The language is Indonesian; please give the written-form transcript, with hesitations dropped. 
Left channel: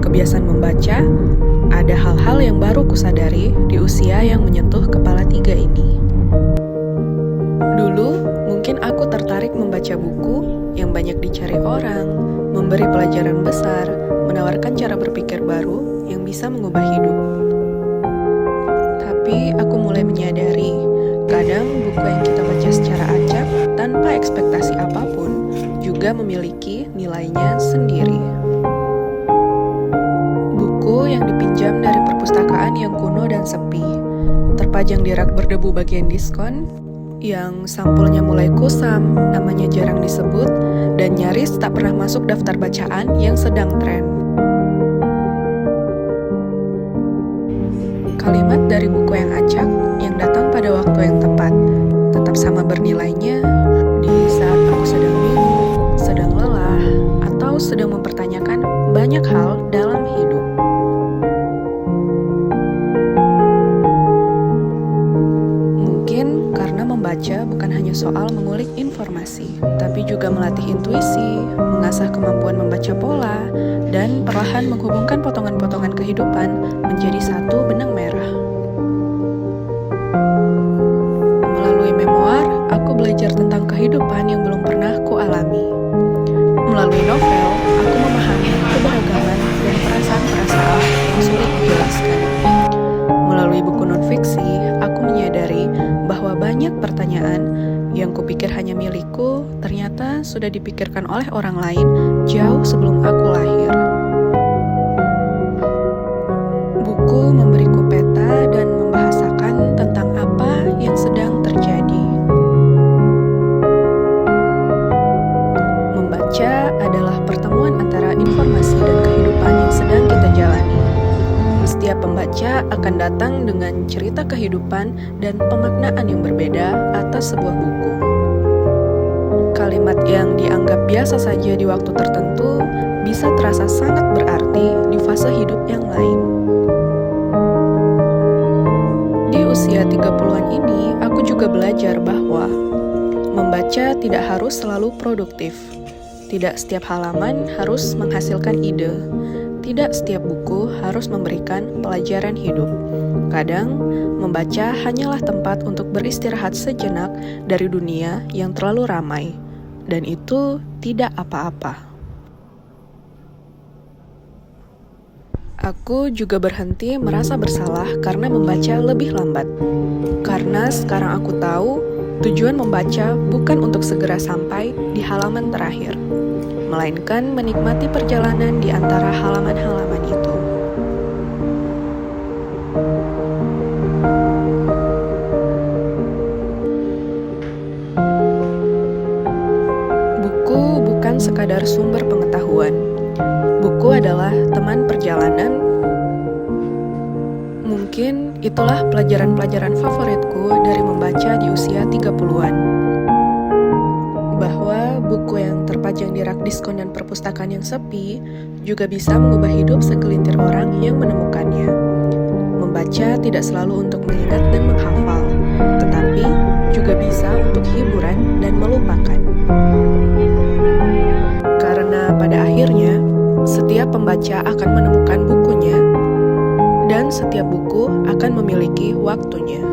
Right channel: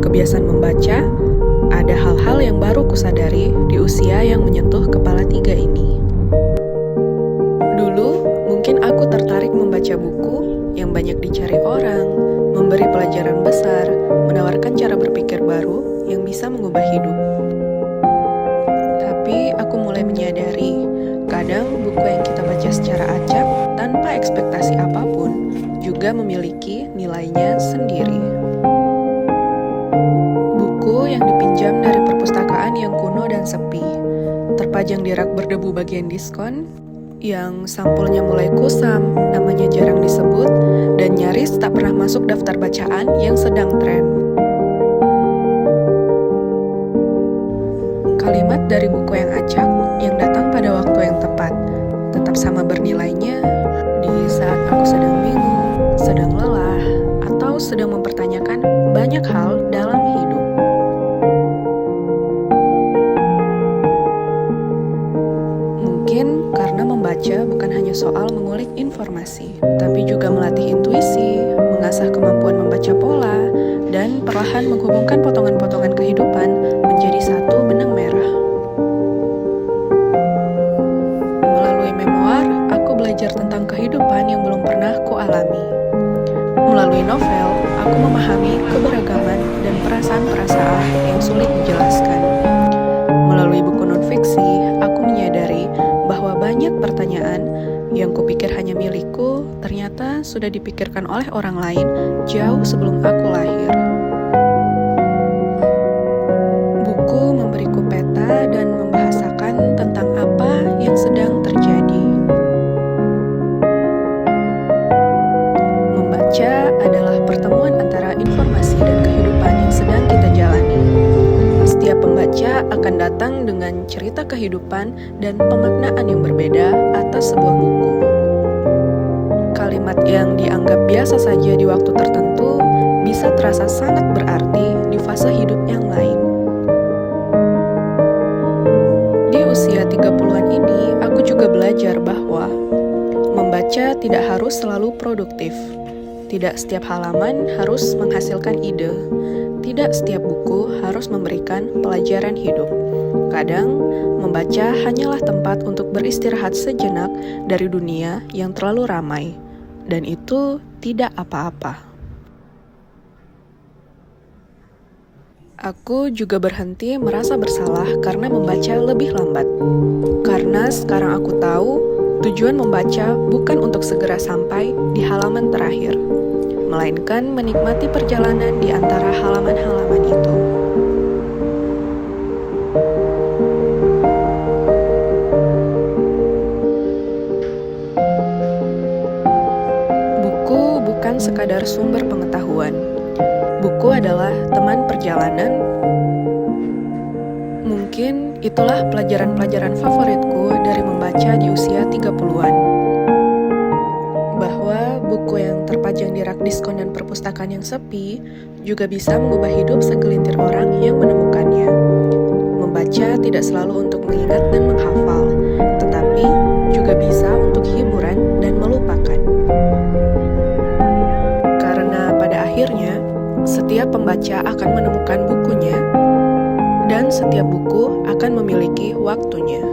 kebiasaan membaca, ada hal-hal yang baru kusadari di usia yang menyentuh kepala 3 ini. Dulu, mungkin aku tertarik membaca buku yang banyak dicari orang, memberi pelajaran besar, menawarkan cara berpikir baru yang bisa mengubah hidup. Tapi aku mulai menyadari, kadang buku yang kita baca secara acak tanpa ekspektasi apapun juga memiliki nilainya sendiri. Buku yang dipinjam dari perpustakaan yang kuno dan sepi, terpajang di rak berdebu bagian diskon, yang sampulnya mulai kusam, namanya jarang disebut, dan nyaris tak pernah masuk daftar bacaan yang sedang tren. Kalimat dari buku yang acak, yang datang pada waktu yang tepat, tetap sama bernilainya di saat aku sedang bingung, sedang lelah, atau sedang mempertanyakan banyak hal dalam hidup. Mungkin karena membaca bukan hanya soal mengulik informasi, tapi juga melatih intuisi, mengasah kemampuan membaca pola, dan perlahan menghubungkan potongan-potongan kehidupan menjadi satu benang merah. Melalui memoir, aku belajar tentang kehidupan yang belum pernah kualami. Melalui novel, aku memahami keberagaman dan perasaan-perasaan yang sulit dijelaskan. Melalui buku non-fiksi, aku menyadari bahwa banyak pertanyaan yang kupikir hanya milikku ternyata sudah dipikirkan oleh orang lain jauh sebelum aku lahir. Buku memberiku peta dan membahasakan tentang apa yang sedang terjadi. Membaca adalah pertemuan antara informasi dan kehidupan yang sedang kita jalani. Setiap pembaca akan datang dengan cerita kehidupan dan pemaknaan yang berbeda atas sebuah buku. Kalimat yang dianggap biasa saja di waktu tertentu bisa terasa sangat berarti di fase hidup yang lain. Di usia 30-an ini, aku juga belajar bahwa membaca tidak harus selalu produktif. Tidak setiap halaman harus menghasilkan ide. Tidak setiap buku harus memberikan pelajaran hidup. Kadang, membaca hanyalah tempat untuk beristirahat sejenak dari dunia yang terlalu ramai. Dan itu tidak apa-apa. Aku juga berhenti merasa bersalah karena membaca lebih lambat. Karena sekarang aku tahu, tujuan membaca bukan untuk segera sampai di halaman terakhir, melainkan menikmati perjalanan di antara halaman-halaman itu. Buku bukan sekadar sumber pengetahuan. Buku adalah teman perjalanan. Mungkin itulah pelajaran-pelajaran favoritku dari membaca di usia 30-an. Bahwa buku yang terpajang di rak diskon dan perpustakaan yang sepi juga bisa mengubah hidup segelintir orang yang menemukannya. Membaca tidak selalu untuk mengingat dan menghafal, tetapi juga bisa untuk hiburan dan melupakan. Karena pada akhirnya, setiap pembaca akan menemukan bukunya, dan setiap buku akan memiliki waktunya.